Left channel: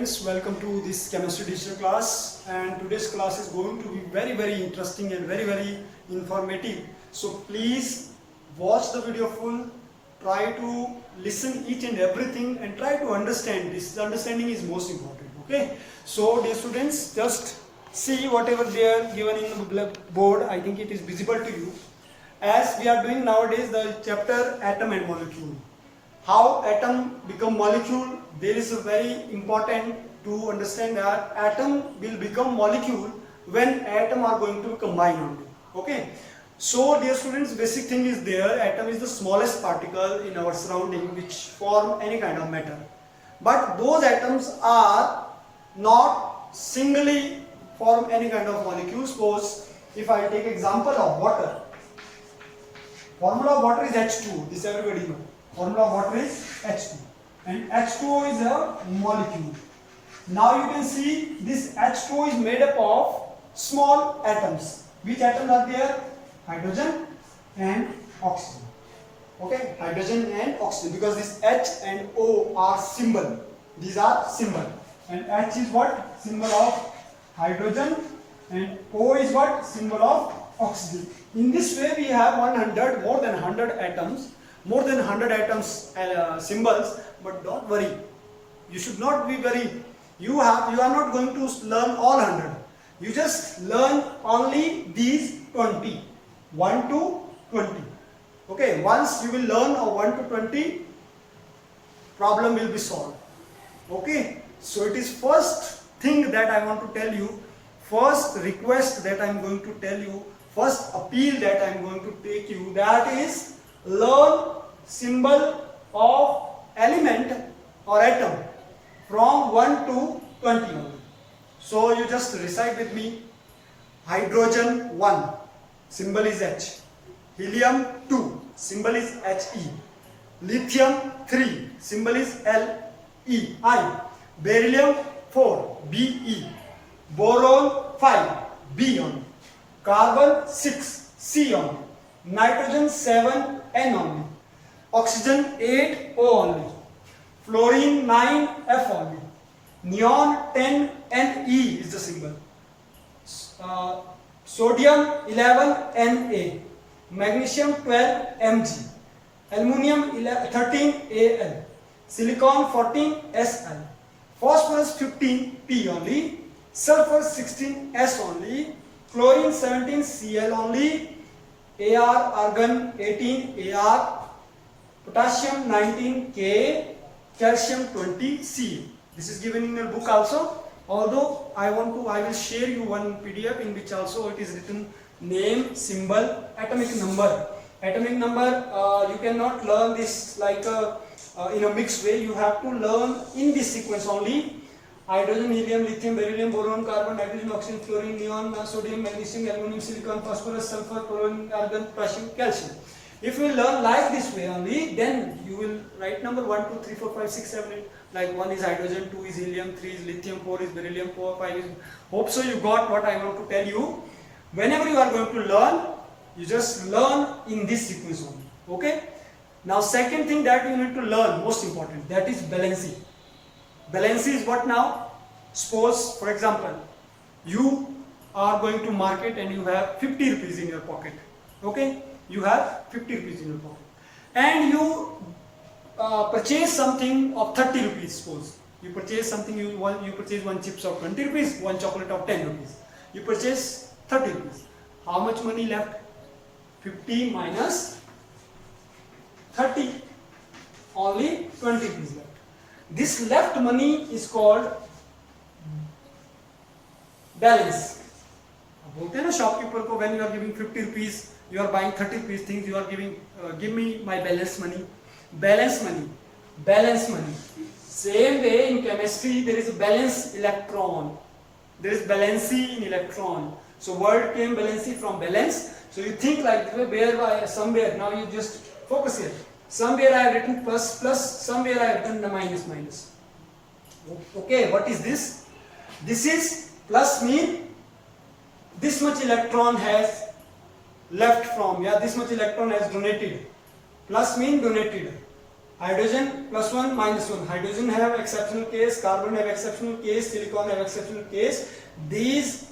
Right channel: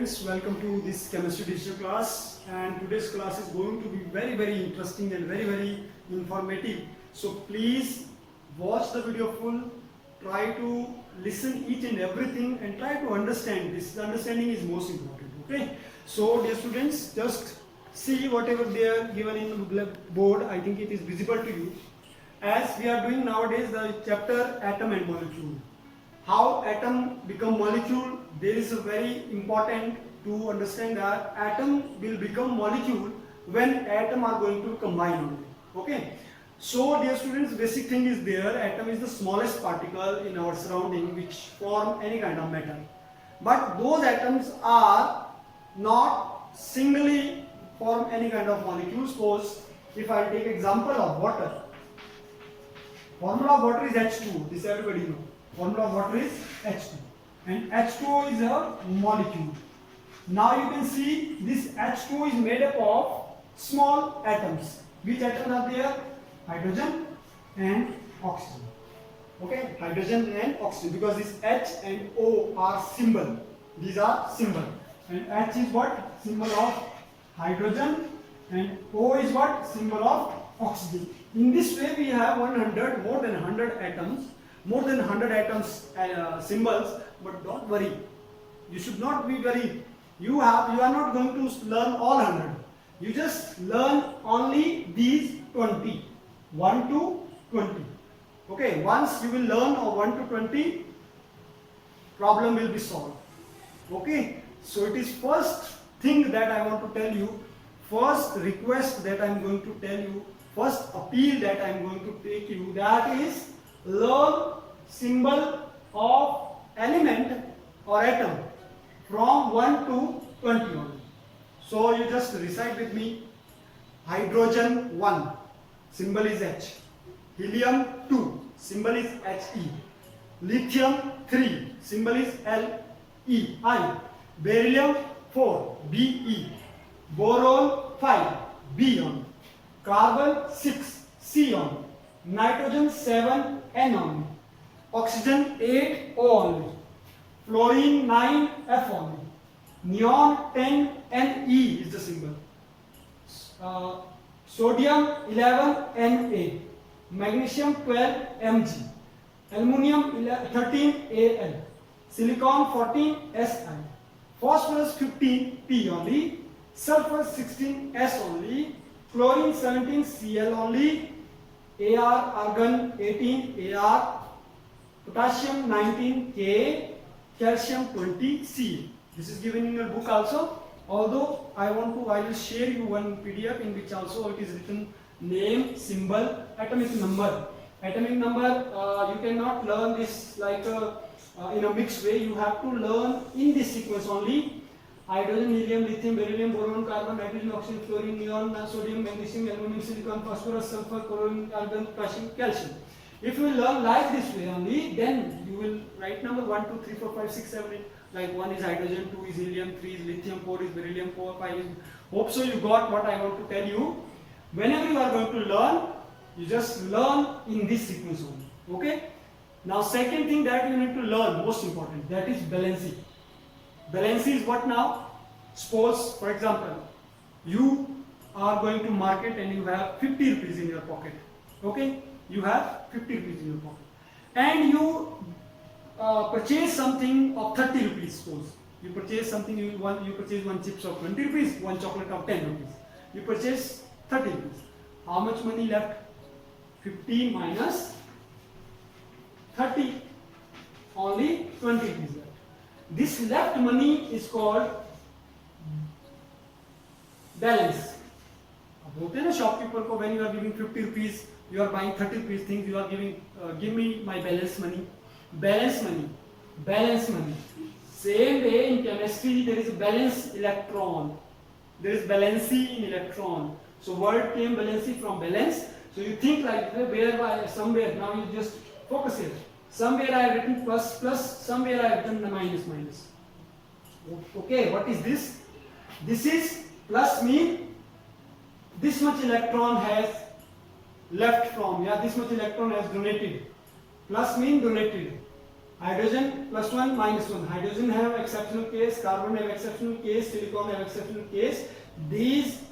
students, welcome to this chemistry digital class, and today's class is going to be very interesting and very informative. So please watch the video full, try to listen each and everything and try to understand. This understanding is most important. Okay, so dear students, just see whatever they are given in the board. I think it is visible to you. As we are doing nowadays the chapter atom and molecule. How atom become molecule, there is a very important to understand that atom will become molecule when atom are going to combine only. Okay, so dear students, basic thing is there. Atom is the smallest particle in our surrounding which form any kind of matter, but those atoms are not singly form any kind of molecule. Suppose if I take example of water, formula of water is H2O, this everybody know. Formula of water is H2, and H2O is a molecule. Now you can see this H2O is made up of small atoms. Which atoms are there? Hydrogen and oxygen. Okay, hydrogen and oxygen, because this H and O are symbol. These are symbol, and H is what? Symbol of hydrogen, and O is what? Symbol of oxygen. In this way we have more than 100 atoms. More than 100 atoms symbols, but don't worry, you should not be worried. You are not going to learn all 100. You just learn only these 20, 1 to 20. Okay, once you will learn of 1 to 20, problem will be solved. Okay, so it is first thing that I want to tell you, first request that I am going to tell you, first appeal that I am going to take you, that is learn symbol of element or atom from 1 to 20 only. So you just recite with me. Hydrogen 1, symbol is H. Helium 2, symbol is He. Lithium 3, symbol is Li. Beryllium 4, Be. Boron 5, B only. Carbon 6, C only. Nitrogen 7, N only. Oxygen 8, O only. Fluorine 9, F only. Neon 10, Ne is the symbol. Sodium 11, Na. Magnesium 12, Mg. Aluminium 13, Al. Silicon 14, Sl. Phosphorus 15, P only. Sulfur 16, S only. Chlorine 17, Cl only. Ar, argon 18, Ar. Potassium 19, K. Calcium 20, C. This is given in your book also. Although I will share you one PDF in which also it is written name, symbol, atomic number. Atomic number, you cannot learn this like in a mixed way. You have to learn in this sequence only. Hydrogen, helium, lithium, beryllium, boron, carbon, nitrogen, oxygen, fluorine, neon, sodium, magnesium, aluminum, silicon, phosphorus, sulfur, chlorine, argon, potassium, calcium. If you learn like this way only, then you will write number 1, 2, 3, 4, 5, 6, 7, 8. Like 1 is hydrogen, 2 is helium, 3 is lithium, 4 is beryllium, 4, 5 is... Hope so you got what I want to tell you. Whenever you are going to learn, you just learn in this sequence only. Okay? Now second thing that you need to learn, most important, that is valency. Valency is what now? Suppose, for example, you are going to market and you have 50 rupees in your pocket. Okay? You have 50 rupees in your pocket. And you purchase something of 30 rupees, suppose. You purchase something, you purchase one chips of 20 rupees, one chocolate of 10 rupees. You purchase 30 rupees. How much money left? 50 minus 30. Only 20 rupees left. This left money is called balance. बोलते हैं ना shopkeeper को, when you are giving 50 rupees, you are buying 30 rupees things, you are giving, give me my balance money. Balance money. Balance money. Same way in chemistry there is a balance electron. There is valency in electron. So word came valency from balance. So you think like where somewhere, now you just focus here. Somewhere I have written plus, somewhere I have written minus. Okay, what is this? This is plus mean this much electron has left from, this much electron has donated. Plus mean donated. Hydrogen plus 1 minus 1. Hydrogen have exceptional case, carbon have exceptional case, silicon have exceptional case. These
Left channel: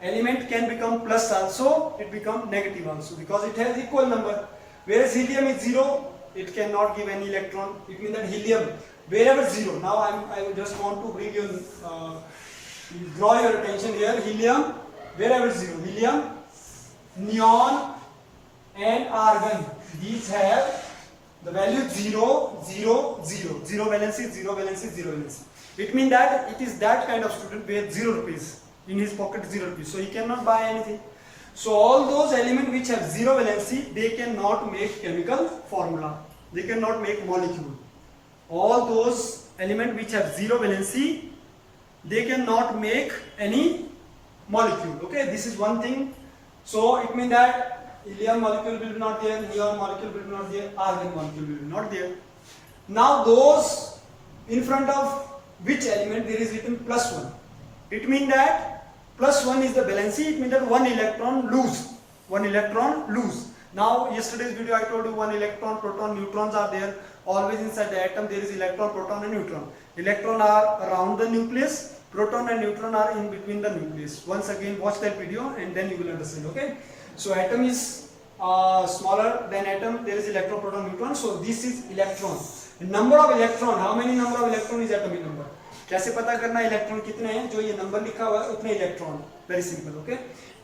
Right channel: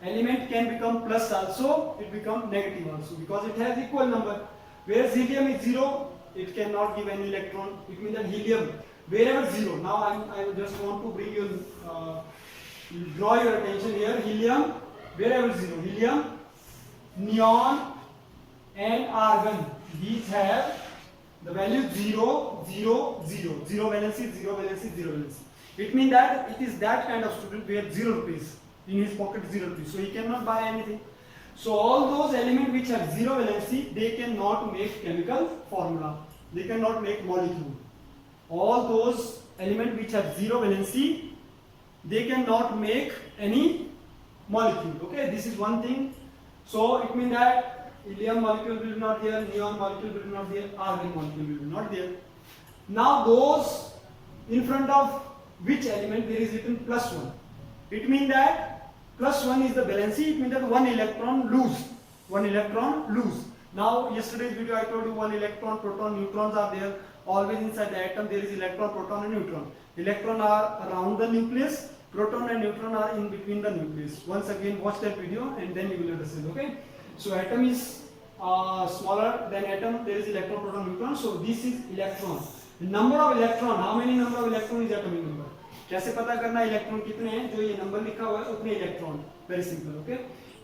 element can become plus also, it become negative also because it has equal number. Whereas helium is 0, it cannot give any electron. It means that helium wherever 0. Now I just want to bring your draw your attention here. Helium wherever 0. Helium, neon and argon, these have the value 0, 0, 0. 0 valency, 0 valency, 0 valency. It means that it is that kind of student where 0 rupees in his pocket, 0 rupees. So he cannot buy anything. So all those elements which have 0 valency, they cannot make chemical formula. They cannot make molecule. All those elements which have 0 valency, they cannot make any molecule. Okay, this is one thing. So it means that helium molecule will be not there, neon molecule will be not there, argon molecule will be not there. Now those in front of which element there is written plus 1. It means that plus 1 is the valency. It means that 1 electron lose. 1 electron lose. Now yesterday's video I told you 1 electron, proton, neutrons are there. Always inside the atom there is electron, proton and neutron. Electron are around the nucleus, proton and neutron are in between the nucleus. Once again watch that video and then you will understand. Okay. So atom is smaller than atom, there is electron, proton, neutron. So this is electron. Number of electron, how many number of electron is atomic number? कैसे पता करना electron कितने हैं? जो ये number लिखा हुआ है उतने electron. Very simple. Okay.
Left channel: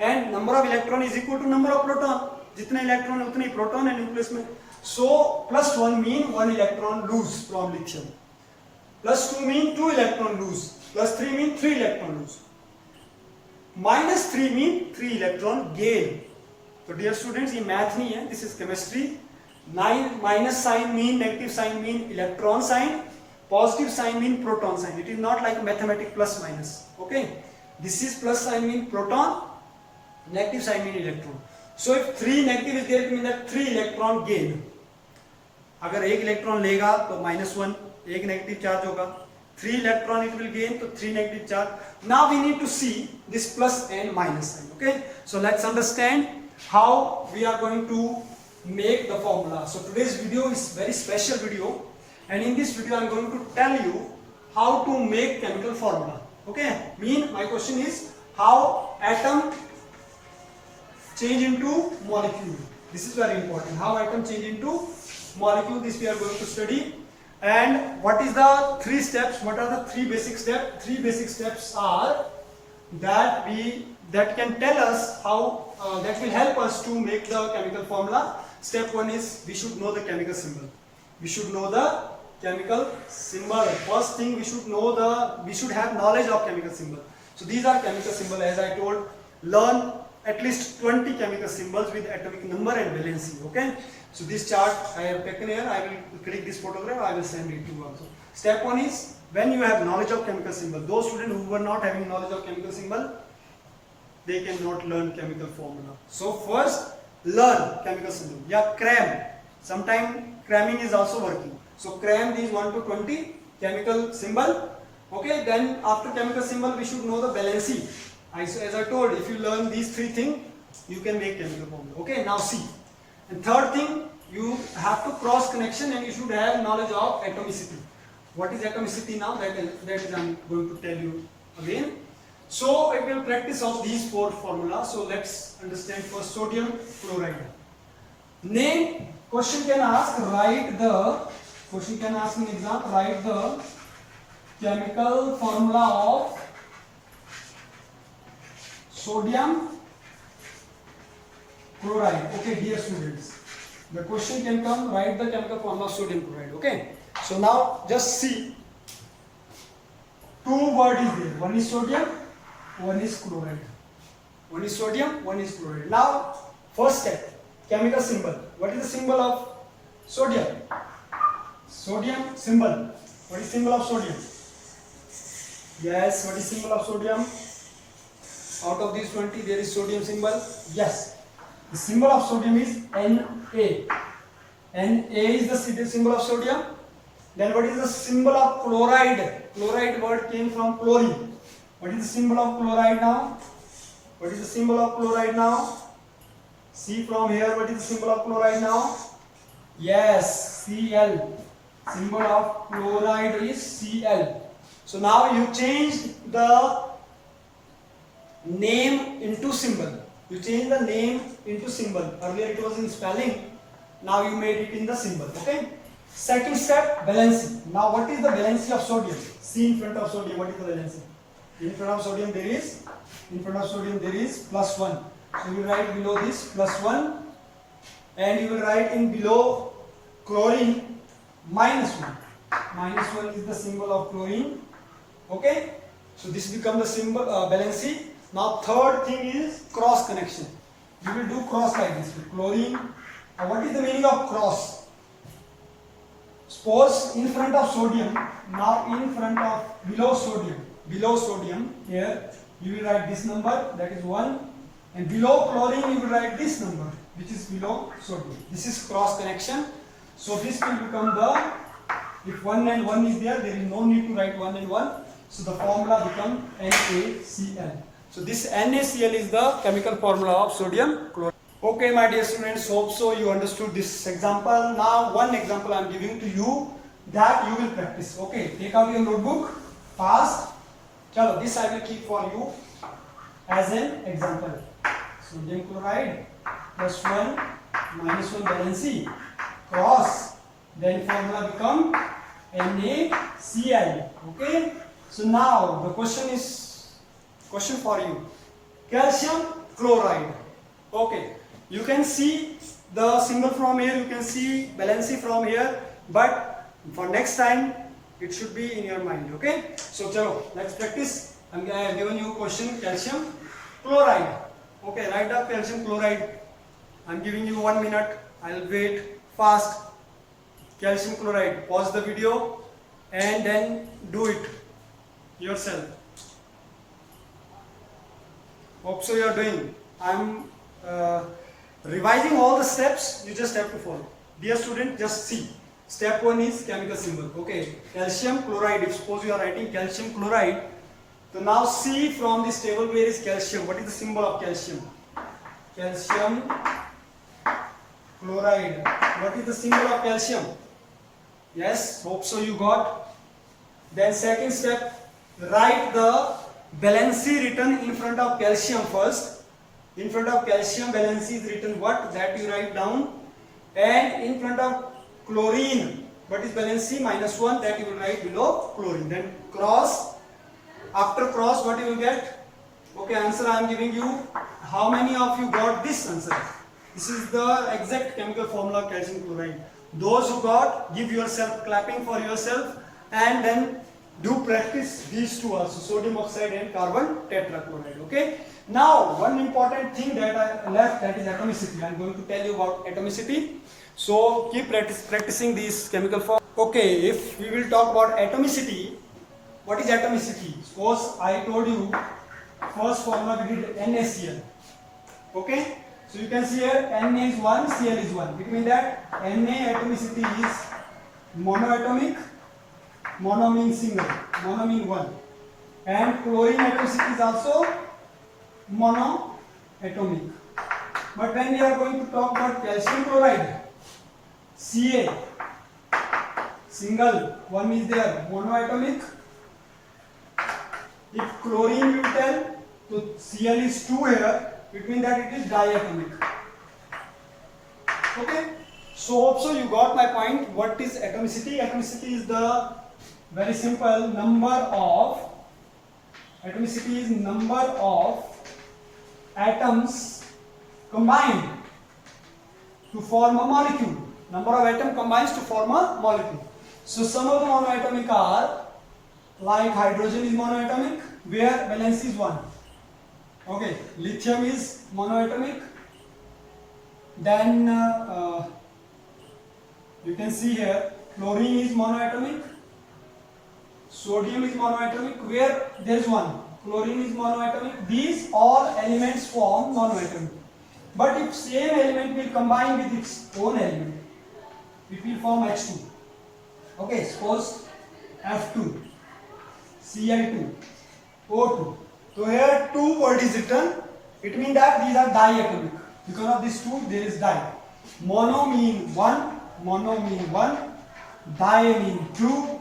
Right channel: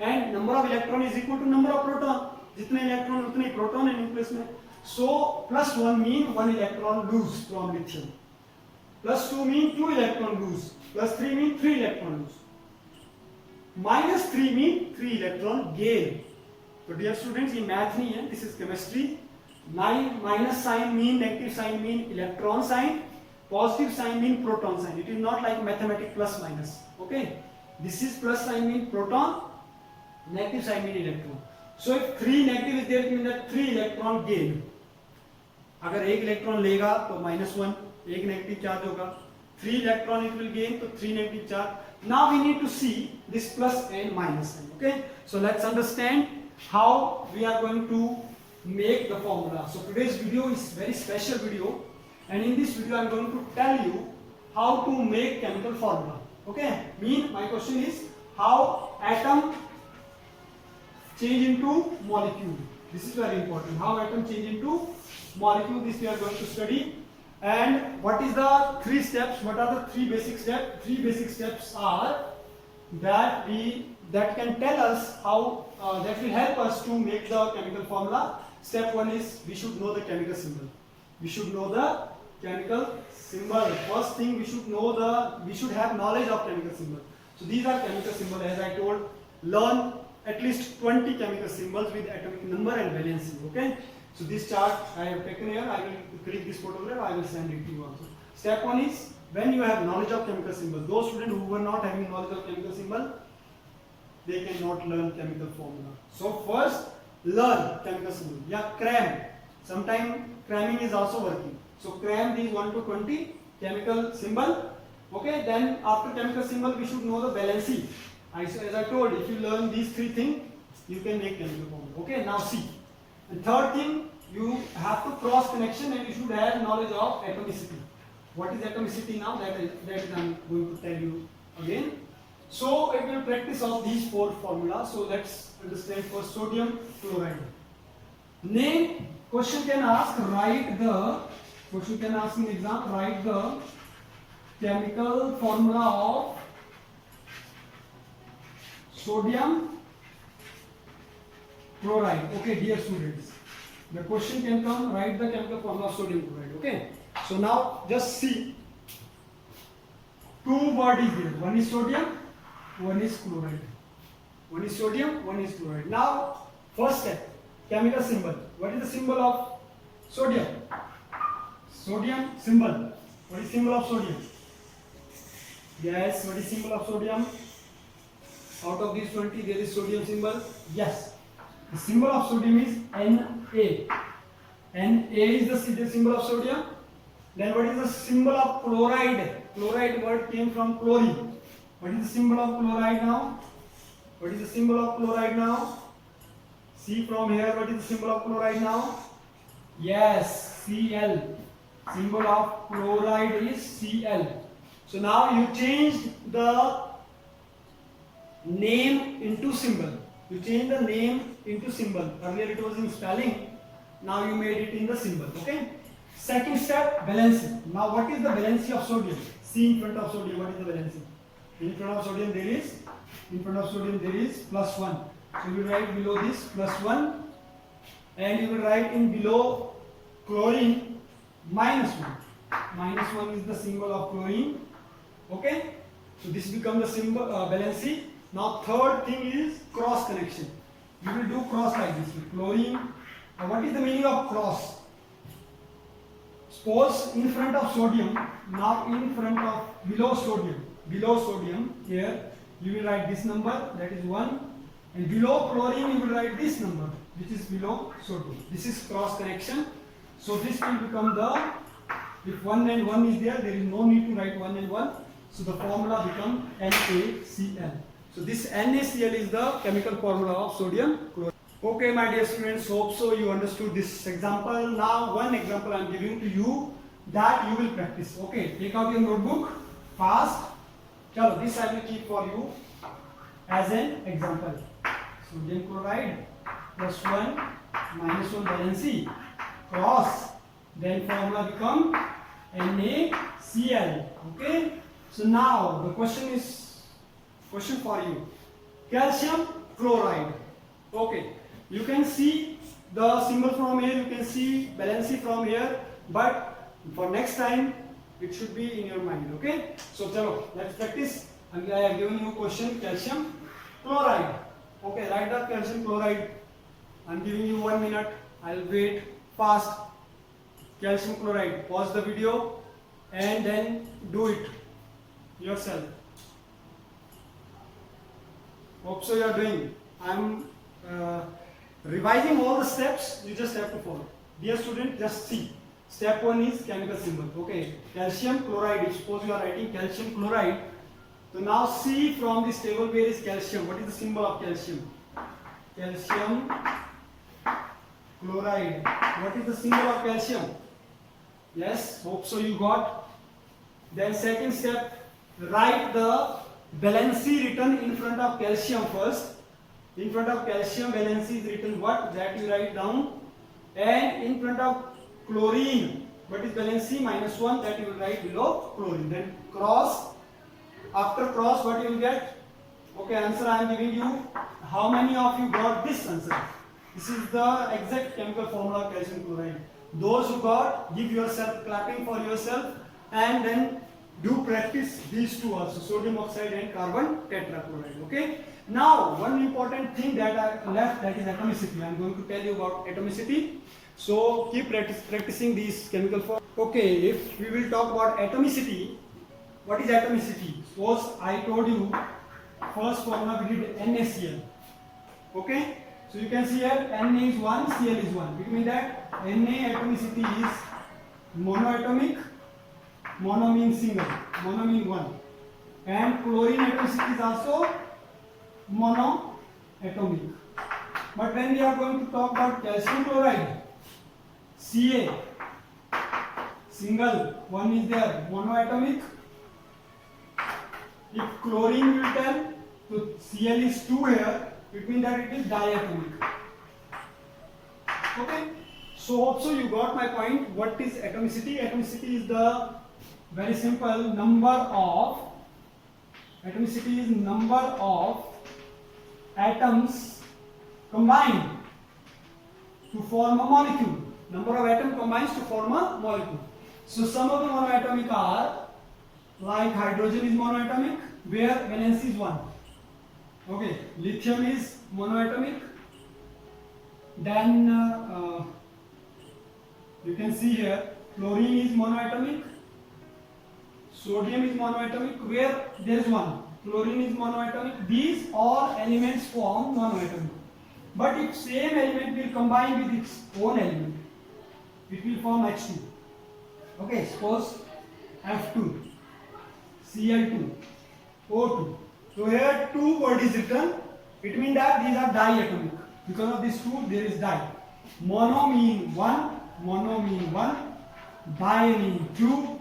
And number of electron is equal to number of proton. जितने इलेक्ट्रॉन उतने ही प्रोटॉन है न्यूक्लियस में. So plus 1 mean 1 electron lose from lithium. Plus 2 mean 2 electron lose. Plus 3 mean 3 electron lose. Minus 3 mean 3 electron gain. तो dear students ये math नहीं है, this is chemistry. Minus sign mean, negative sign mean electron sign, positive sign mean proton sign. It is not like mathematics plus minus. Okay, this is plus sign mean proton, negative sign mean electron. So if 3 negative is there, it means that 3 electron gain. अगर एक electron लेगा तो -1, एक negative charge होगा. 3 electron it will gain, तो 3 negative charge. Now we need to see this plus and minus sign. Okay, so let's understand how we are going to make the formula. So today's video is very special video. And in this video I am going to tell you how to make chemical formula. Okay, my question is how atom change into molecule. This is very important. How atom change into molecule, this we are going to study. And what is the 3 steps? What are the 3 basic steps? 3 basic steps are that can tell us how that will help us to make the chemical formula. Step 1 is we should know the chemical symbol. We should know the chemical symbol. First thing we should have knowledge of chemical symbol. So these are chemical symbol. As I told, learn at least 20 chemical symbols with atomic number and valency. Okay, so this chart I have taken here. I will click this photograph, I will send it to you also. Step 1 is when you have knowledge of chemical symbol. Those students who were not having knowledge of chemical symbol, they cannot learn chemical formula. So first learn chemical symbol. Yeah, cram. Sometimes cramming is also working. So cram these 1 to 20 chemical symbol. Okay, then after chemical symbol we should know the valency. As I told, if you learn these 3 things, you can make chemical formula. Okay, now see. And third thing, you have to cross connection and you should have knowledge of atomicity. What is atomicity now? That is I am going to tell you again. So it will practice of these 4 formulas. So let's understand first sodium chloride. Name. Question can ask, write the in exam, write the chemical formula of sodium chloride. Okay, dear students, the question can come, write the chemical formula of sodium chloride. Okay, so now just see, 2 words is there. One is sodium, one is chloride. One is sodium, one is chloride. Now first step, chemical symbol. What is the symbol of sodium? Sodium symbol. What is symbol of sodium? Yes, what is symbol of sodium? Out of these 20 there is sodium symbol. Yes, the symbol of sodium is Na. Na is the symbol of sodium. Then what is the symbol of chloride? Chloride word came from chlorine. What is the symbol of chloride now? What is the symbol of chloride now? See from here, what is the symbol of chloride now? Yes, Cl. Symbol of chloride is Cl. So now you changed the name into symbol. You change the name into symbol. Earlier it was in spelling. Now you made it in the symbol. Okay. Second step, valency. Now what is the valency of sodium? C in front of sodium. What is the valency? In front of sodium there is +1. So you will write below this +1, and you will write in below chlorine -1. -1 is the symbol of chlorine. Okay. So this becomes the symbol valency. Now third thing is cross connection. You will do cross like this with chlorine. Now what is the meaning of cross? Suppose in front of sodium, now in front of below sodium here you will write this number, that is 1, and below chlorine you will write this number, which is below sodium. This is cross connection. So this will become if 1 and 1 is there is no need to write 1 and 1. So the formula becomes NaCl. So this NaCl is the chemical formula of sodium chloride. Okay, my dear students, hope so you understood this example. Now one example I am giving to you that you will practice. Okay, take out your notebook fast. Chalo, this I will keep for you as an example. Sodium chloride +1 -1 valency cross, then formula become NaCl. Okay. So now the question for you, calcium chloride. Okay, you can see the symbol from here, you can see valency from here, but for next time it should be in your mind. Okay, so chalo, let's practice. I am giving you question, calcium chloride. Okay, write up calcium chloride. I am giving you 1 minute. I'll wait. Fast. Calcium chloride. Pause the video and then do it yourself. Hope so you are doing. I'm revising all the steps. You just have to follow. Dear student, just see. Step 1 is chemical symbol. Okay, calcium chloride. If suppose you are writing calcium chloride, so now see from this table where is calcium. What is the symbol of calcium? Calcium chloride. What is the symbol of calcium? Yes, hope so you got. Then second step, write the valency written in front of calcium first. In front of calcium, valency is written what? That you write down. And in front of chlorine, what is valency? -1, that you will write below chlorine. Then cross. After cross, what you will get? Okay, answer I am giving you. How many of you got this answer? This is the exact chemical formula of calcium chloride. Those who got, give yourself clapping for yourself, and then do practice these two also, sodium oxide and carbon tetrachloride. Okay. Now one important thing that I left, that is atomicity. I am going to tell you about atomicity. So keep practicing these chemical form. Okay, if we will talk about atomicity, what is atomicity? Suppose I told you first formula we did NaCl. Okay. So you can see here Na is 1, Cl is 1. It means that Na atomicity is monoatomic. Mono means single, mono means 1. And chlorine atomicity is also monoatomic. But when we are going to talk about calcium chloride, Ca, single, 1 is there, monoatomic. If chlorine will tell, so Cl is 2 here, it means that it is diatomic. Okay. So also you got my point. What is atomicity? Atomicity is the very simple number of atoms combined to form a molecule. Number of atoms combines to form a molecule. So some of the monoatomic are like hydrogen is monoatomic, where valency is 1. Okay, lithium is monoatomic. Then you can see here chlorine is monoatomic. Sodium is monoatomic, where there is 1. Chlorine is monoatomic. These all elements form monoatomic. But if same element will combine with its own element, it will form H2. Okay, suppose F2, Cl2, O2. So here 2 word is written. It means that these are diatomic. Because of this 2, there is di. Mono means 1. Mono means 1. Di mean two.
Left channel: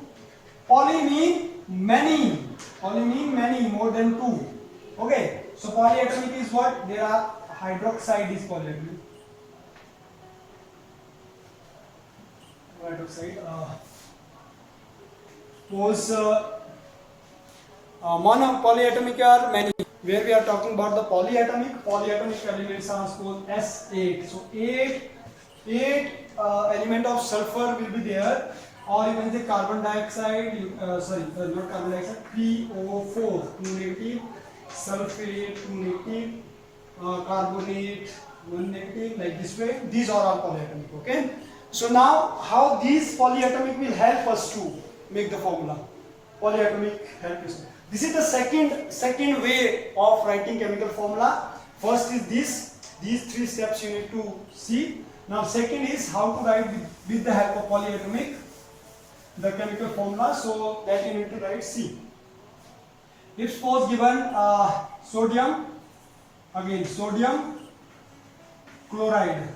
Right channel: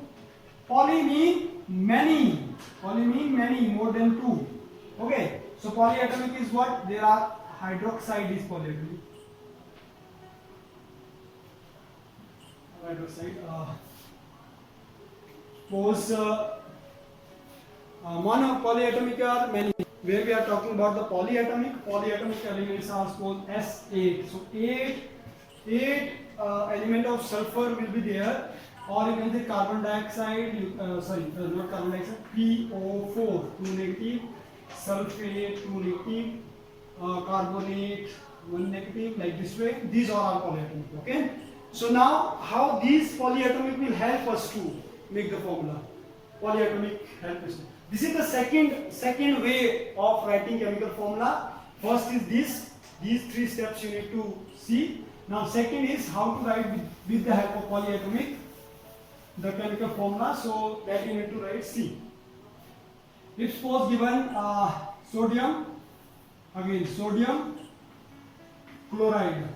Poly mean many. Poly mean many, more than two. Okay. So polyatomic is what? There are hydroxide is polyatomic. Hydroxide. Suppose mono polyatomic are many. Where we are talking about the polyatomic elements are suppose S8. So eight element of sulfur will be there, or you can say carbon dioxide. Not carbon dioxide. PO4 2 negative, sulfate 2 negative, carbonate 1 negative. Like this way, these are all polyatomic. Okay. So now, how these polyatomic will help us to make the formula? Polyatomic help us. This is the second way of writing chemical formula. First is these three steps you need to see. Now second is how to write with the help of polyatomic the chemical formula. So that you need to write C. If suppose given sodium, again sodium chloride.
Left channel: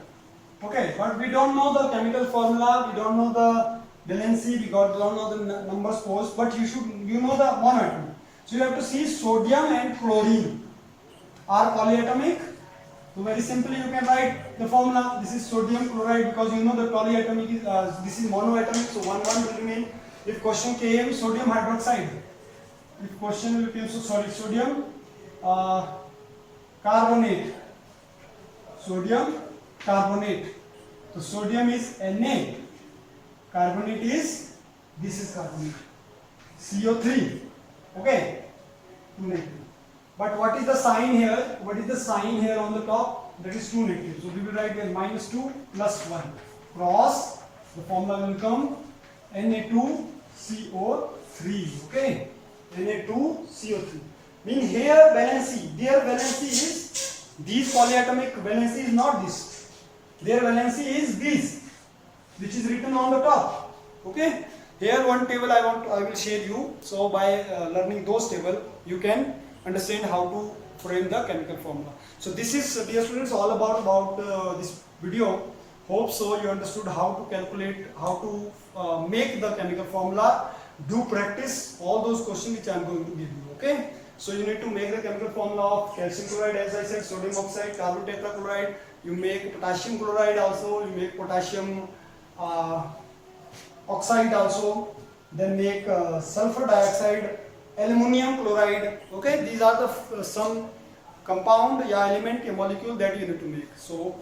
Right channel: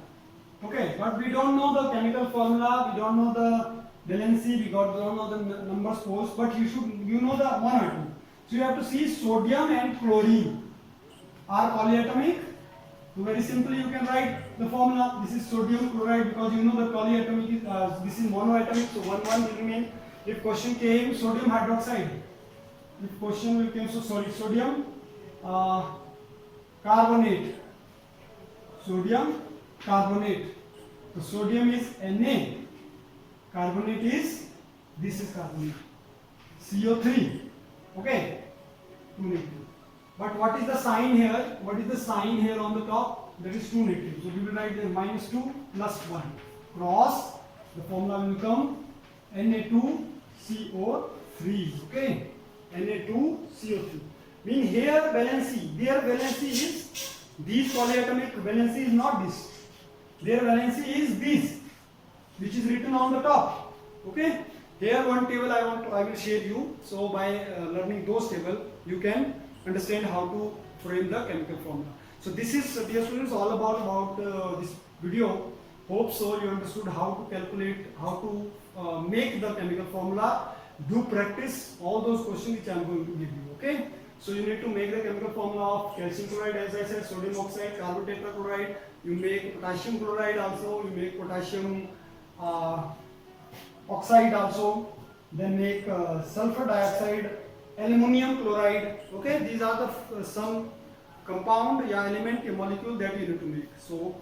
Okay, but we don't know the chemical formula, we don't know the valency, we don't know the numbers posed, but you know the one or two. So you have to see sodium and chlorine are polyatomic. So very simply you can write the formula. This is sodium chloride because you know the polyatomic is this is monoatomic. So 1 will remain. If question came sodium hydroxide, if question will came sodium carbonate, sodium carbonate. So sodium is Na, carbonate is this is carbonate, CO3. Okay, 2 negative. But what is the sign here? What is the sign here on the top? That is 2 negative. So we will write there -2 plus 1 cross. The formula will become Na2CO3. Okay, Na2CO3. Mean here valency. Their valency is these polyatomic valency is not this. Their valency is this, which is written on the top. Okay. Here one table I will share you. So by learning those table, you can understand how to frame the chemical formula. So this is, dear students, all about this video. Hope so you understood how to calculate, how to make the chemical formula. Do practice all those questions which I am going to give you. Okay. So you need to make the chemical formula of calcium chloride, as I said, sodium oxide, carbon tetrachloride. You make potassium chloride also. You make potassium oxide also, then make sulfur dioxide, aluminum chloride. Okay, these are the some compound element, a molecule that you need to make. So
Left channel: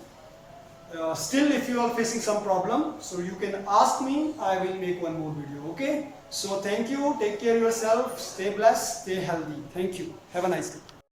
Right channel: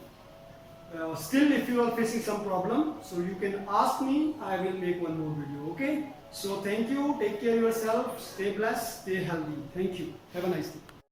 still if you are facing some problem, so you can ask me, I will make one more video. Okay, so thank you, take care of yourself, stay blessed, stay healthy. Thank you, have a nice day.